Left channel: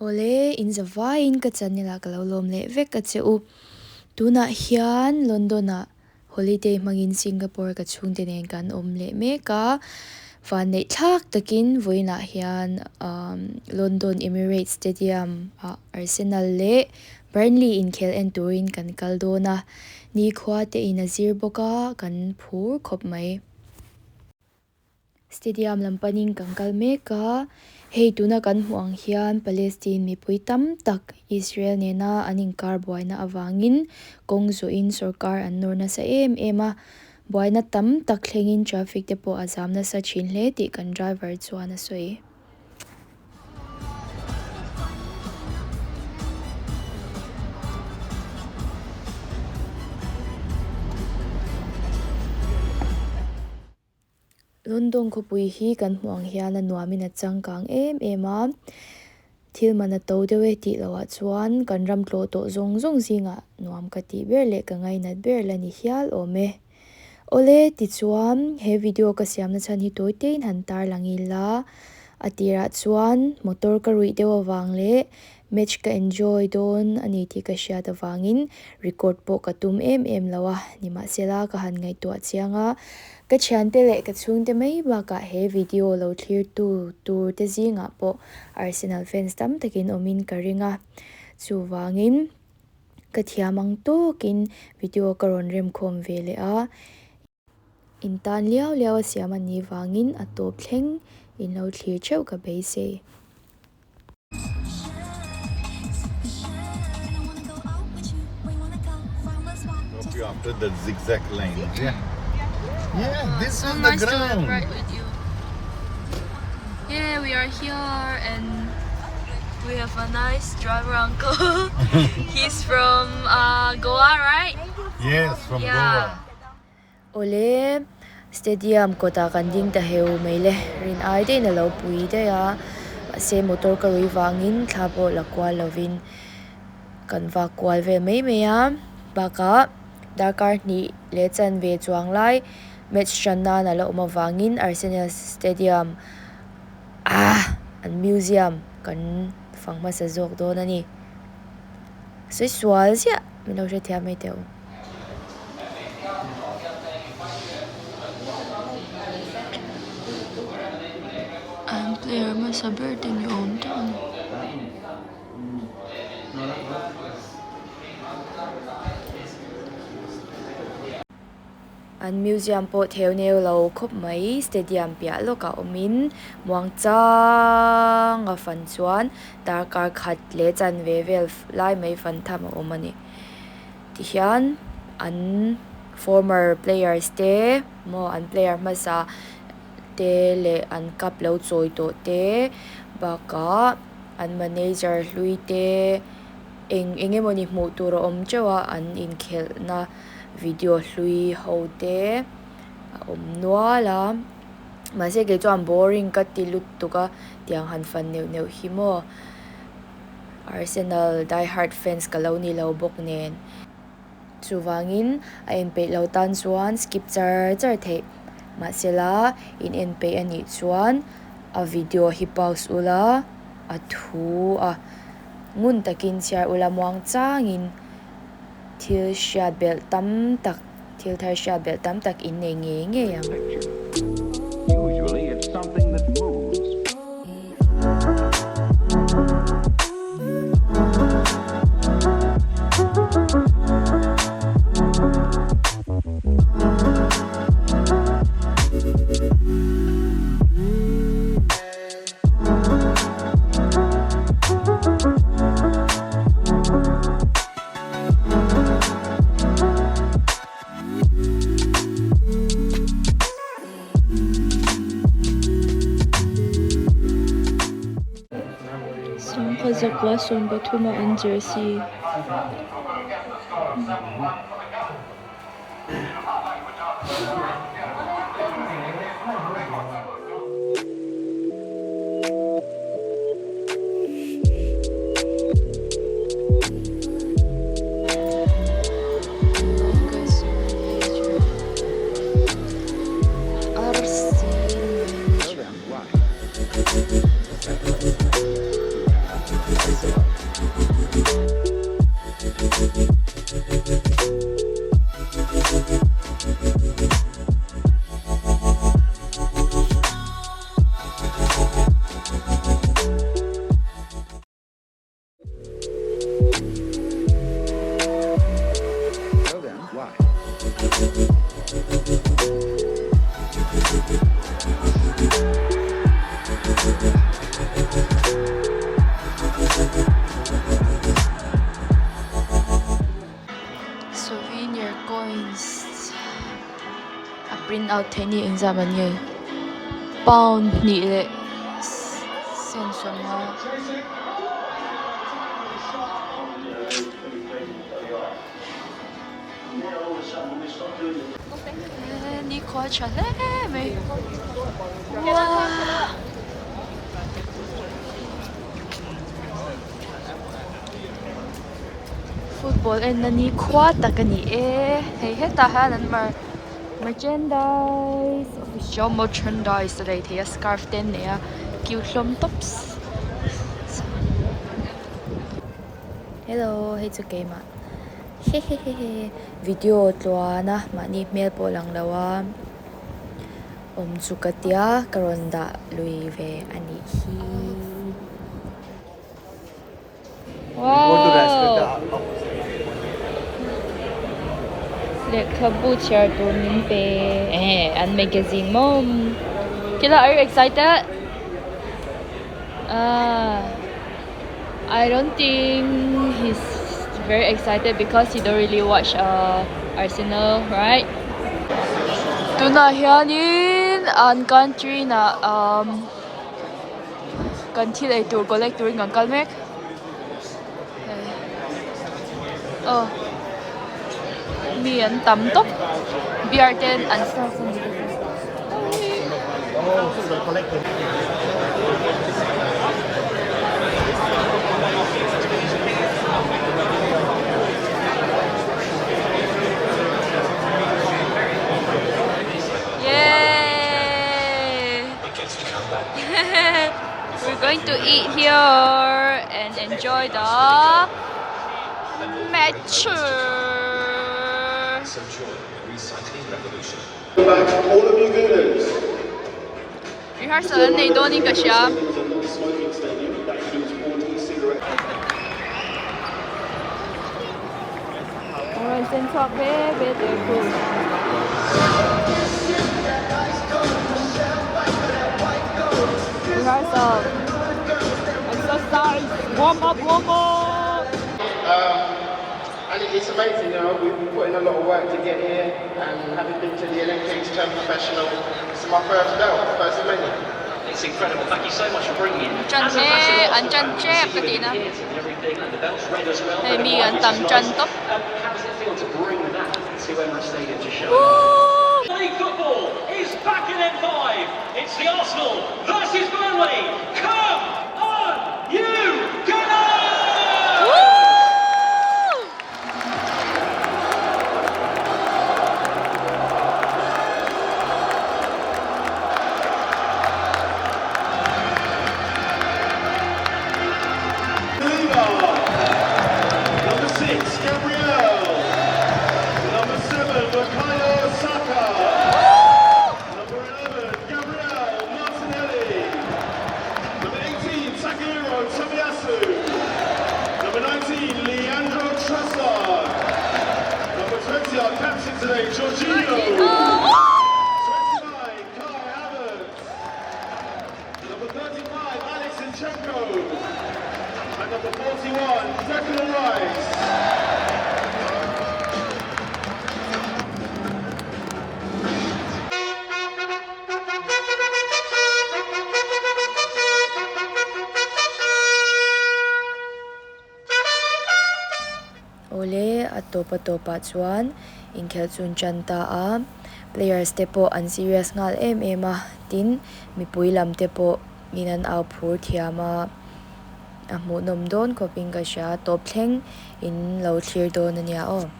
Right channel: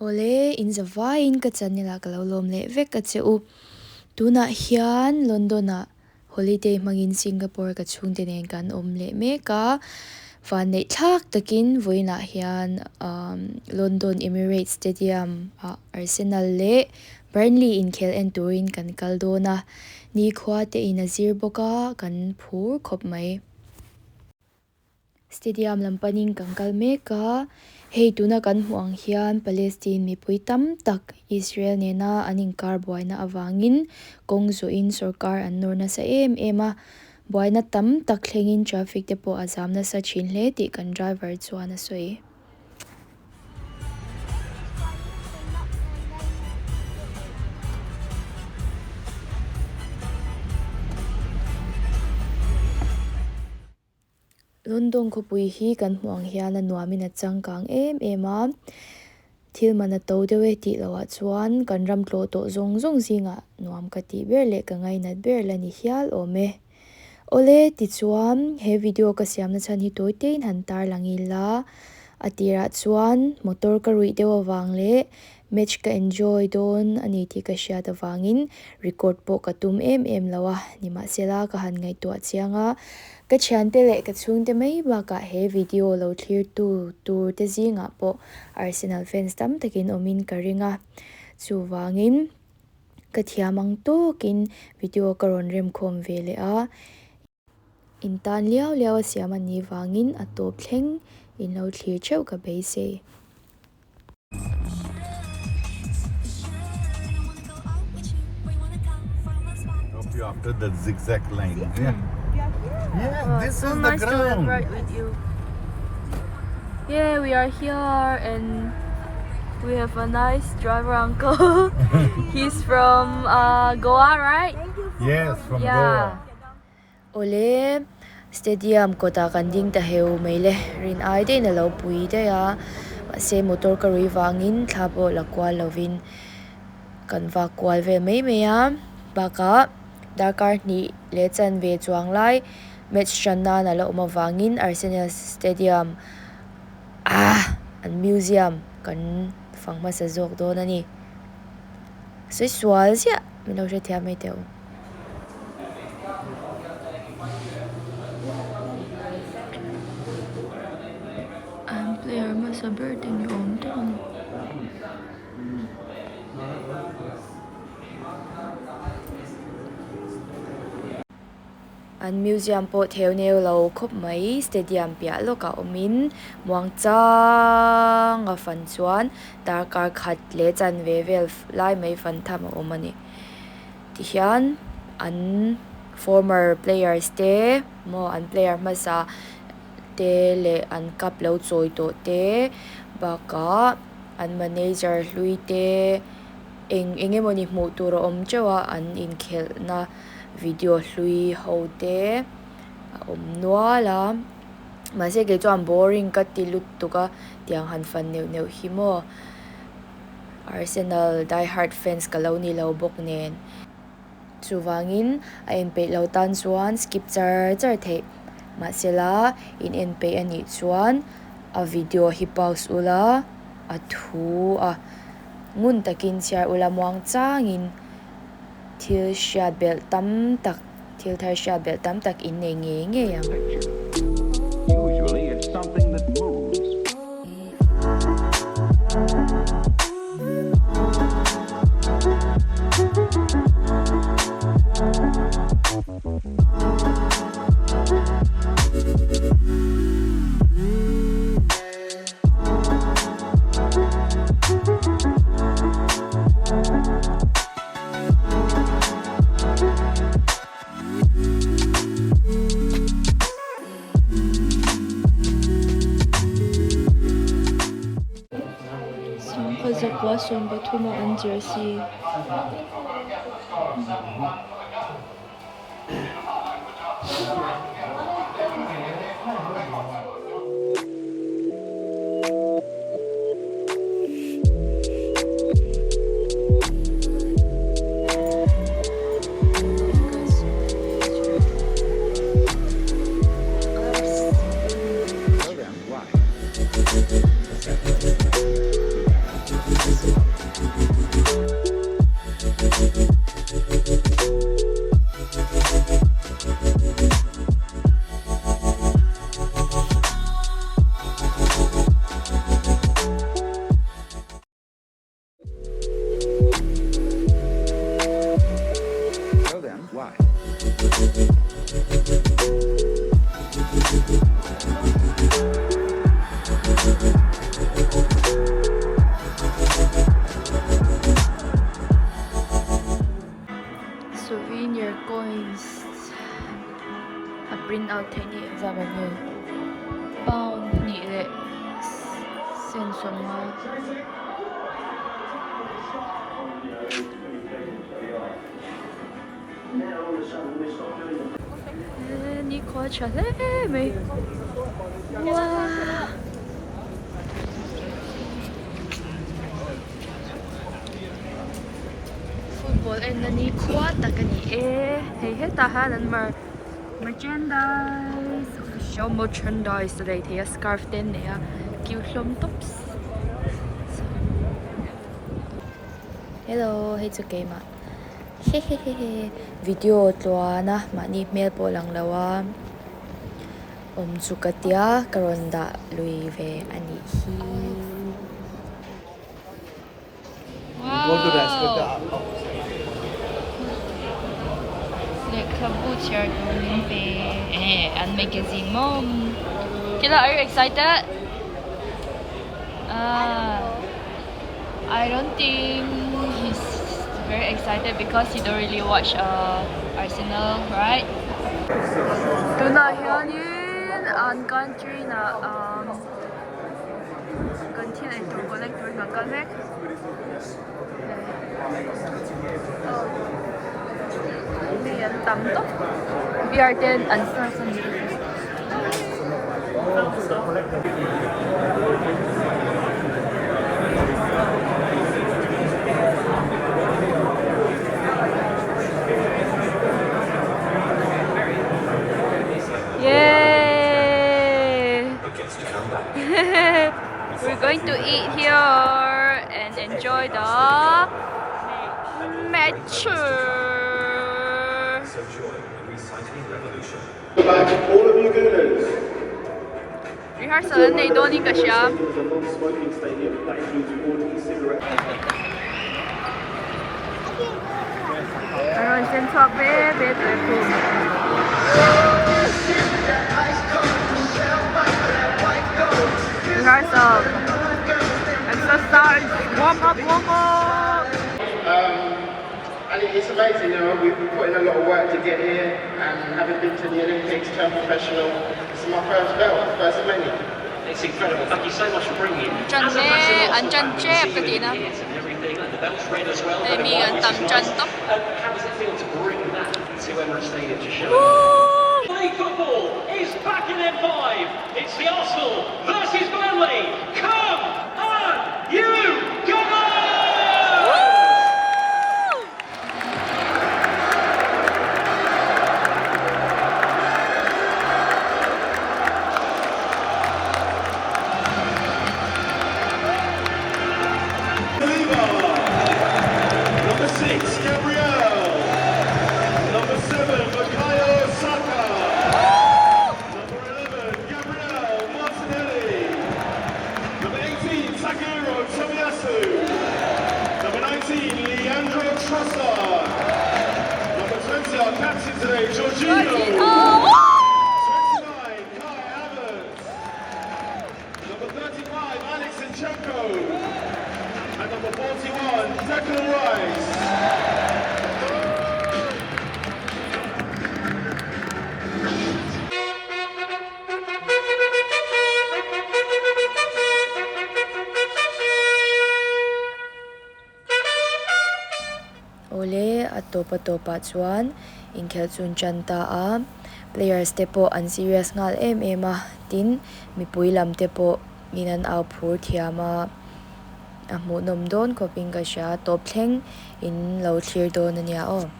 Ole in zavain ka chanila kalolom le vek ka cheu tuna hian Londona holiday mangin Singapore ka chungte nen kan om le me ka van nei thak takin voina hian London Emirates Stadium Arsenal le Burnley inkhel en turin kan kaldona ni khwa te in azir boka kan phur khop mai stadium lampanin kankal meka hei tuna kan hmuang hian Palestine mipui tam tak Israel nena aning kar buaina awangin kongzo in sarkar an norna sa ema buaina tam tak thlengin traffic te po azamna sa chin hle ti kan driver chuan a soi London khawpui hi kan hmuang hian a nuamin a changkang ema thil mana to dewe ti lawa chuan kan ram tlo to zong zinga nuam ka ti ber le ka ngai nat ber la ni hial ome ole ti chuan he video ka siam na chan hi toite in han tar langila atira chuan motor ka rui dewa wang le match ka enjoy don ani ti ka sha da wangin record po ka tum em lawa nima sela ka han ngai to chianga ka chante le ka chungte mai ba ka he video lo clear tu tur te zinga po Arsenal fans tam takin omin ka ringa chu wangin ka thiamang to kin video karon rem khom vele a in tan liao liao siam ani wangin a top thleng in lo clear cheu ka beise after the zigzag lane. Yeah, this so is nice the to ground. ride with you. Yeah, we are here and we have a nice driver uncle. He's from Goa, right? Yes, from Yeah. ole stadium kota kan ding ta heu meile rin ai de na lo pui de ya se motor ka rui wangin thabo la kwal lovin kan va kwal ve mai me ya baka dakar ni le chan ve chuang lai match channa na lo ma wangin Arsenal Stadium an museum kan fangma sa jok do na ni sei swal sia mi lo je thia mai teu And player must have bird in your own town. an museum po theu neu lo khop mai stadium pia loka omin muang chang a fan chuan darkar khat le chan ve vel lai mai fan tham omani ti hian an former players te mo an player masa te le an kap lo choi to te baka an manager hlui te engemoni hmu tur om chewa an inkhel na video hlui ho te om nuala ma se ke chuan boring ka ti lut tuka tiang han fan neu hi mo Arsenal die hard fans ka lo ni lo bok nen chuwangin a enpe lo tan chuan skip char the ma sela in enpe ani chuan a video hi pause ula a thu a ngun takin siar ula muang changin thil shat bel tam tak thil thar shat bel tam tak in nei nge yang Usually it's something that moves. Zakwa som Bathuma and Jersey. Why? print out thế này anh ra vấn nghề pound nhị lệ sen phần hoa ni khó trả lẽ mày wow football and nani khó ta cái này hey hết ta ha lần mà merchandise official merchandise đây thì scarf tên này cute lom tops Hello, hey it's okay ma. Hehehehe. Video tua na mani mail po lang lawa. Sukatia karonda lui ve ani hi. wow the kabucha doon pe and magazine mom Kila, are you excited? I don't think he's very excited because he don't really watch Arsenal, right? Tuna hianin an country na country ay tour collect touring ang kalmek. Oh, mi an tamtok. BR10 an Yay! We're going to eat here and enjoy the match. All of you gooners. Rehearsal na ito ni Kasya. Aron sen swak be ko. Rehearsal. Exercise. Warm up. And it's amazing, you know, we've put in a lot of work to get here, and having been to the Olympics, turned professional, it's my first belt, first Olympic. It's incredible. Thank you so much for bringing me. Chan chep ka din na. Mi an tam chan to. How does it feel to bring that to Emirates Stadium to show? League football is back in N5. It's the Arsenal versus Burnley. Come on, you Gunners! Number 6, Gabriel. Number 7, Bukayo Saka. Number 11, Gabriel Martinelli. Number 18, Takehiro Tomiyasu. Number 19, Leandro Trossard. Number 20, our captain today, Jorginho. 29, Kai Havertz. Number 35, Alex Zinchenko. And number 41, Declan Rice. Ole at topa chuan inkhel chun chanta a players te po an serious ngal em a tin mipui lam te po inan au phur thiama a mu nom don coping ka sha top thleng in lo clear don ania o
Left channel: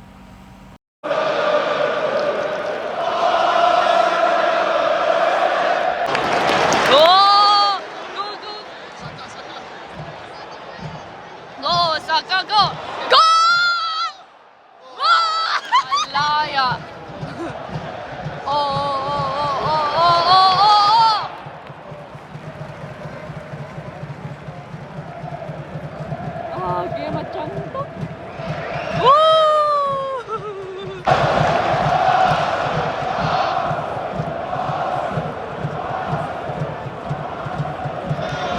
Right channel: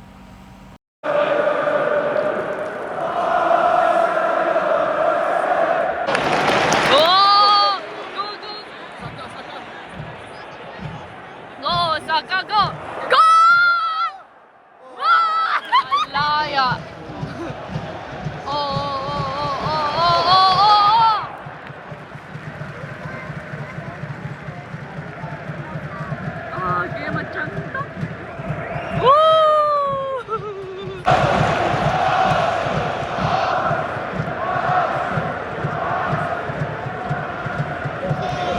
Go Saka go. Liar. Dia macam tu.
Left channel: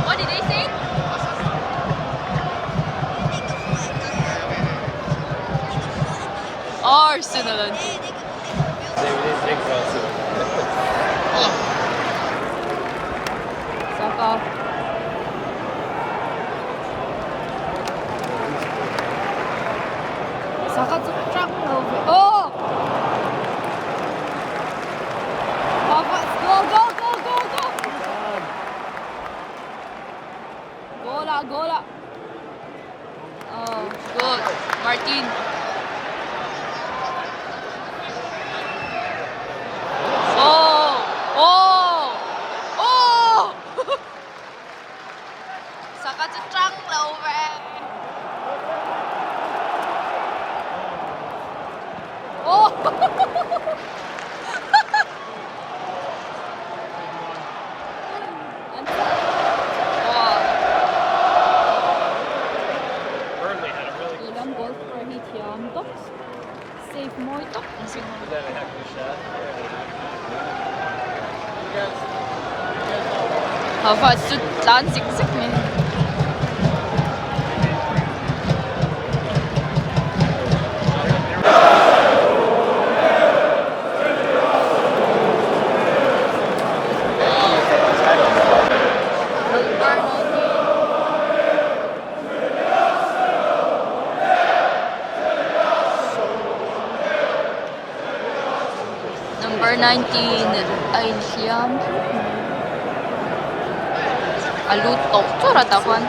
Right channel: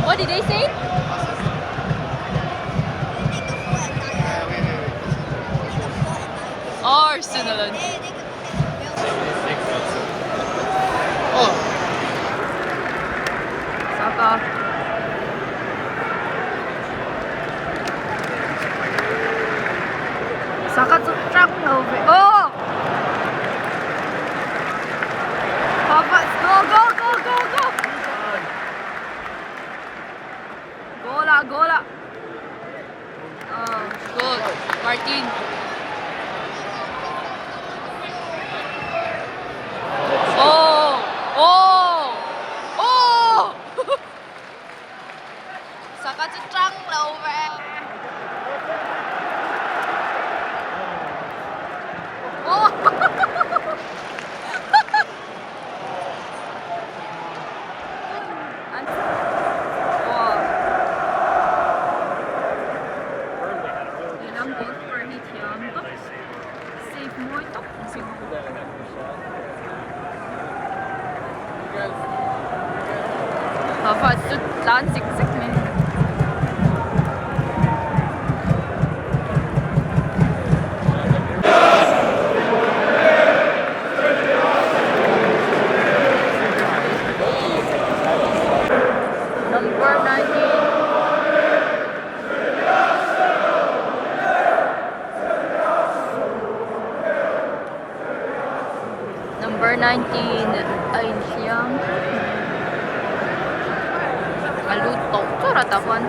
What did they say? Arsenal. Saka truck over. Oh! Papa, go, go, go, go, go! Gola, gola. Oh, good. Martin. Oh! Oh! Oh! Saka truck over. Oh! Wow. Ilang goals per hit yan to? Save mo ito. Hava, sudan zigzag man. Number 19. Number 19 ay siyang aluto. Surat akuan.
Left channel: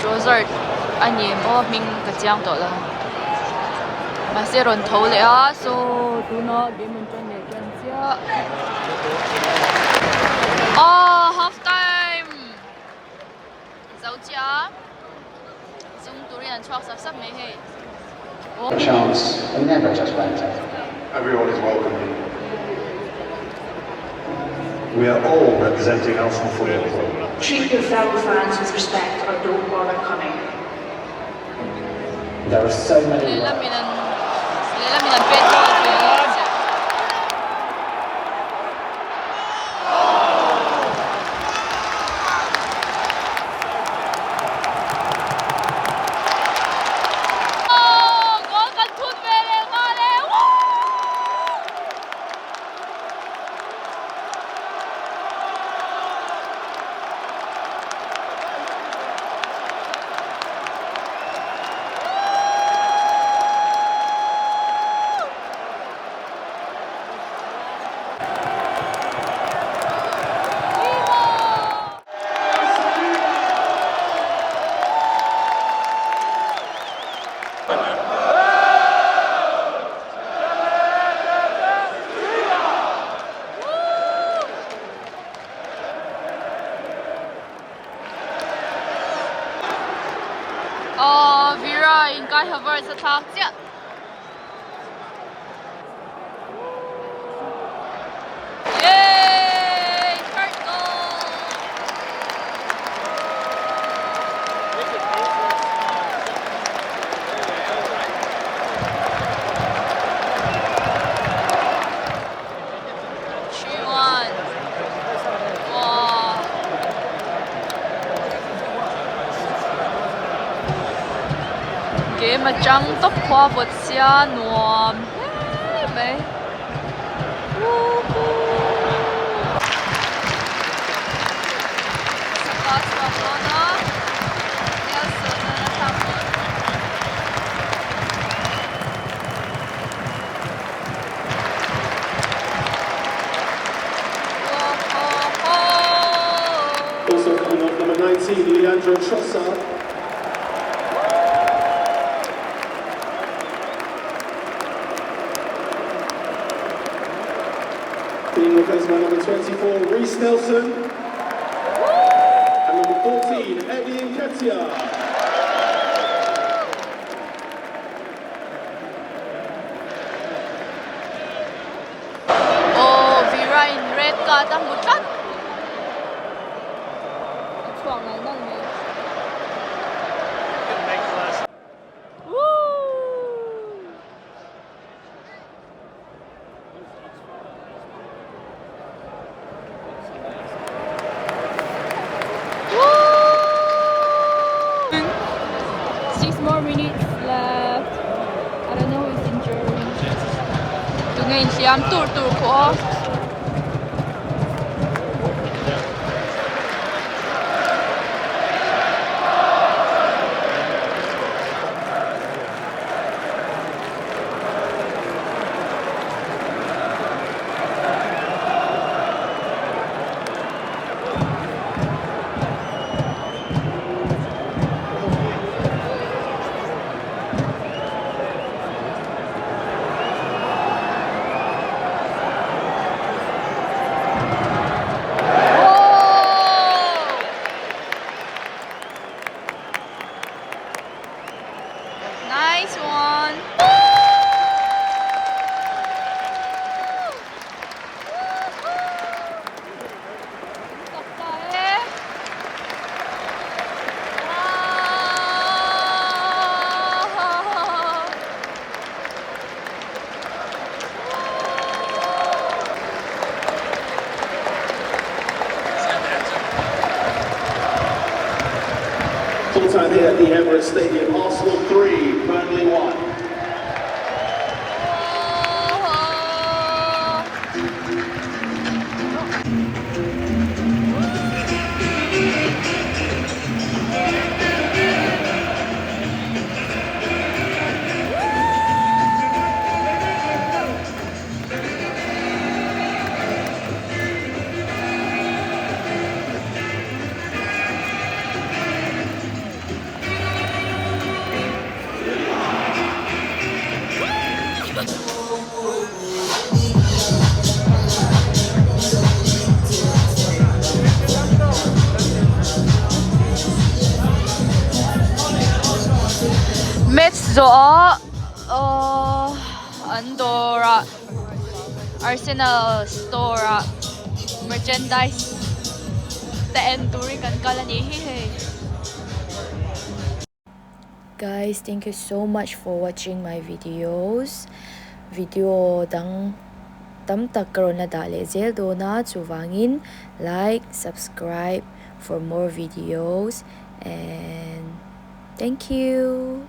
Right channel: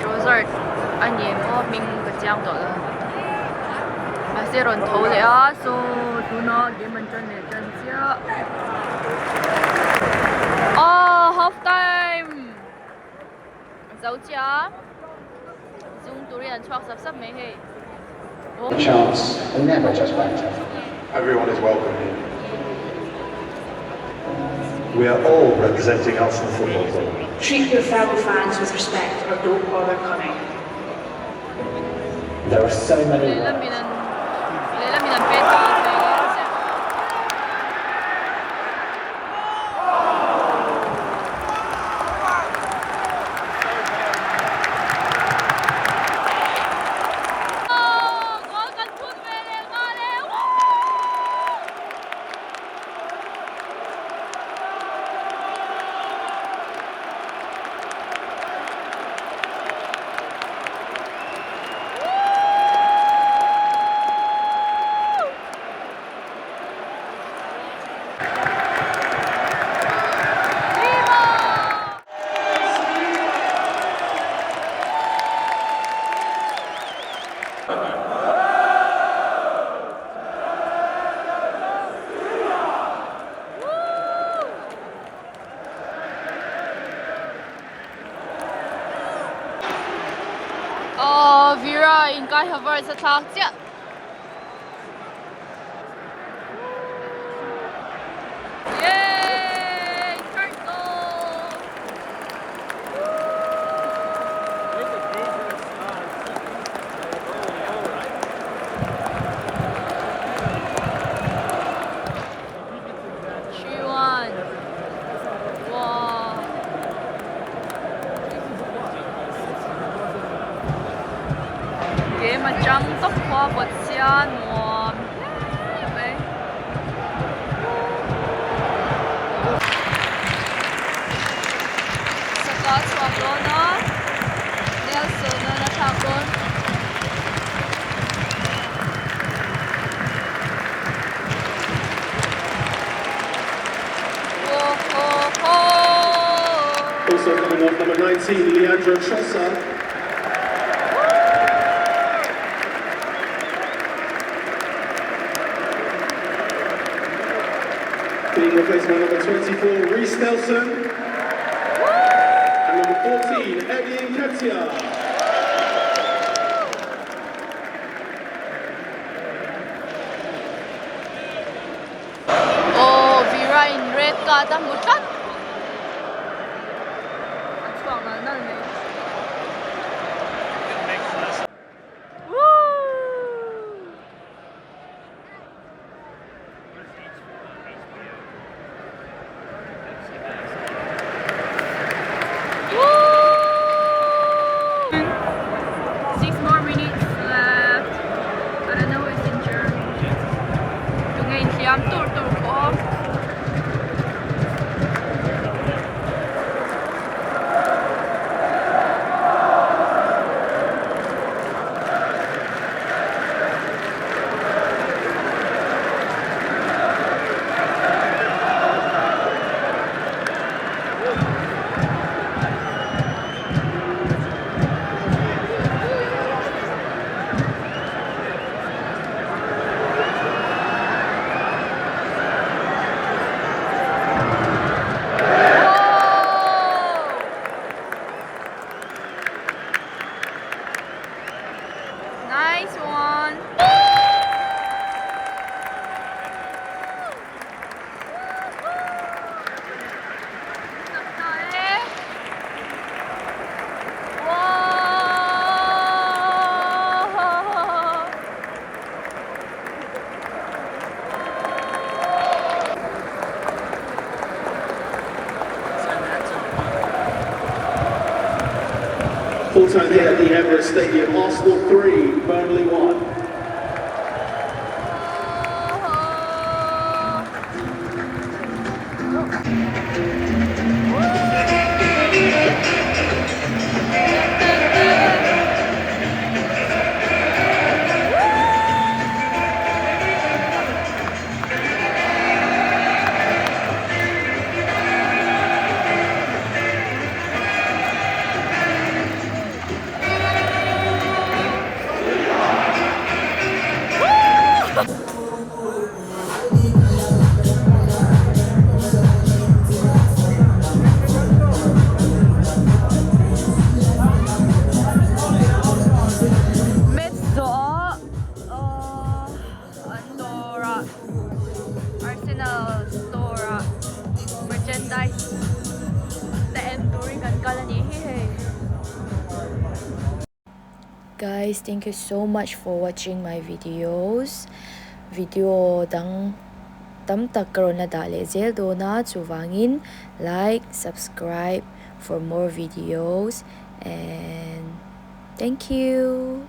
Josart. Ani mo ming kajiang to lang. Masih ron thâu le a so tu na game man chan ne chan sia. Oh, half time. Zau chia. Dung turian chuak sap sap mai he. Chance and never just better. Everyone is welcome here. We are all representing Arsenal Football Club. Treat your fellow fans with respect or don't bother coming. There are so many. Lela minan petrol di. Oh, Vera in Kai Havertz attack. Yay! Third goal! Chiwan. Wow. Game mà trăng tóc khoa vượt xa nuồm mấy sa có chuộc luôn đó Nelson nó thằng luôn Also coming off number 19, Leandro Trossard. Being replaced by number 24, Reece Nelson. And number 14, Eddie Nketiah. Oh, Vera in red card ang butat. At chuang na nang eh. Ngayon siyam tur ko. Full time here at the Emirates Stadium. Arsenal 3, Burnley 1. Mizo, Andorra, Arsenal store, merchandise, the enduring kan kala ni hey. Guys, thank you so much for watching my videos. Video dang tamtak karon na dali zel do na chuwangin like, subscribe for more videos, and thank you.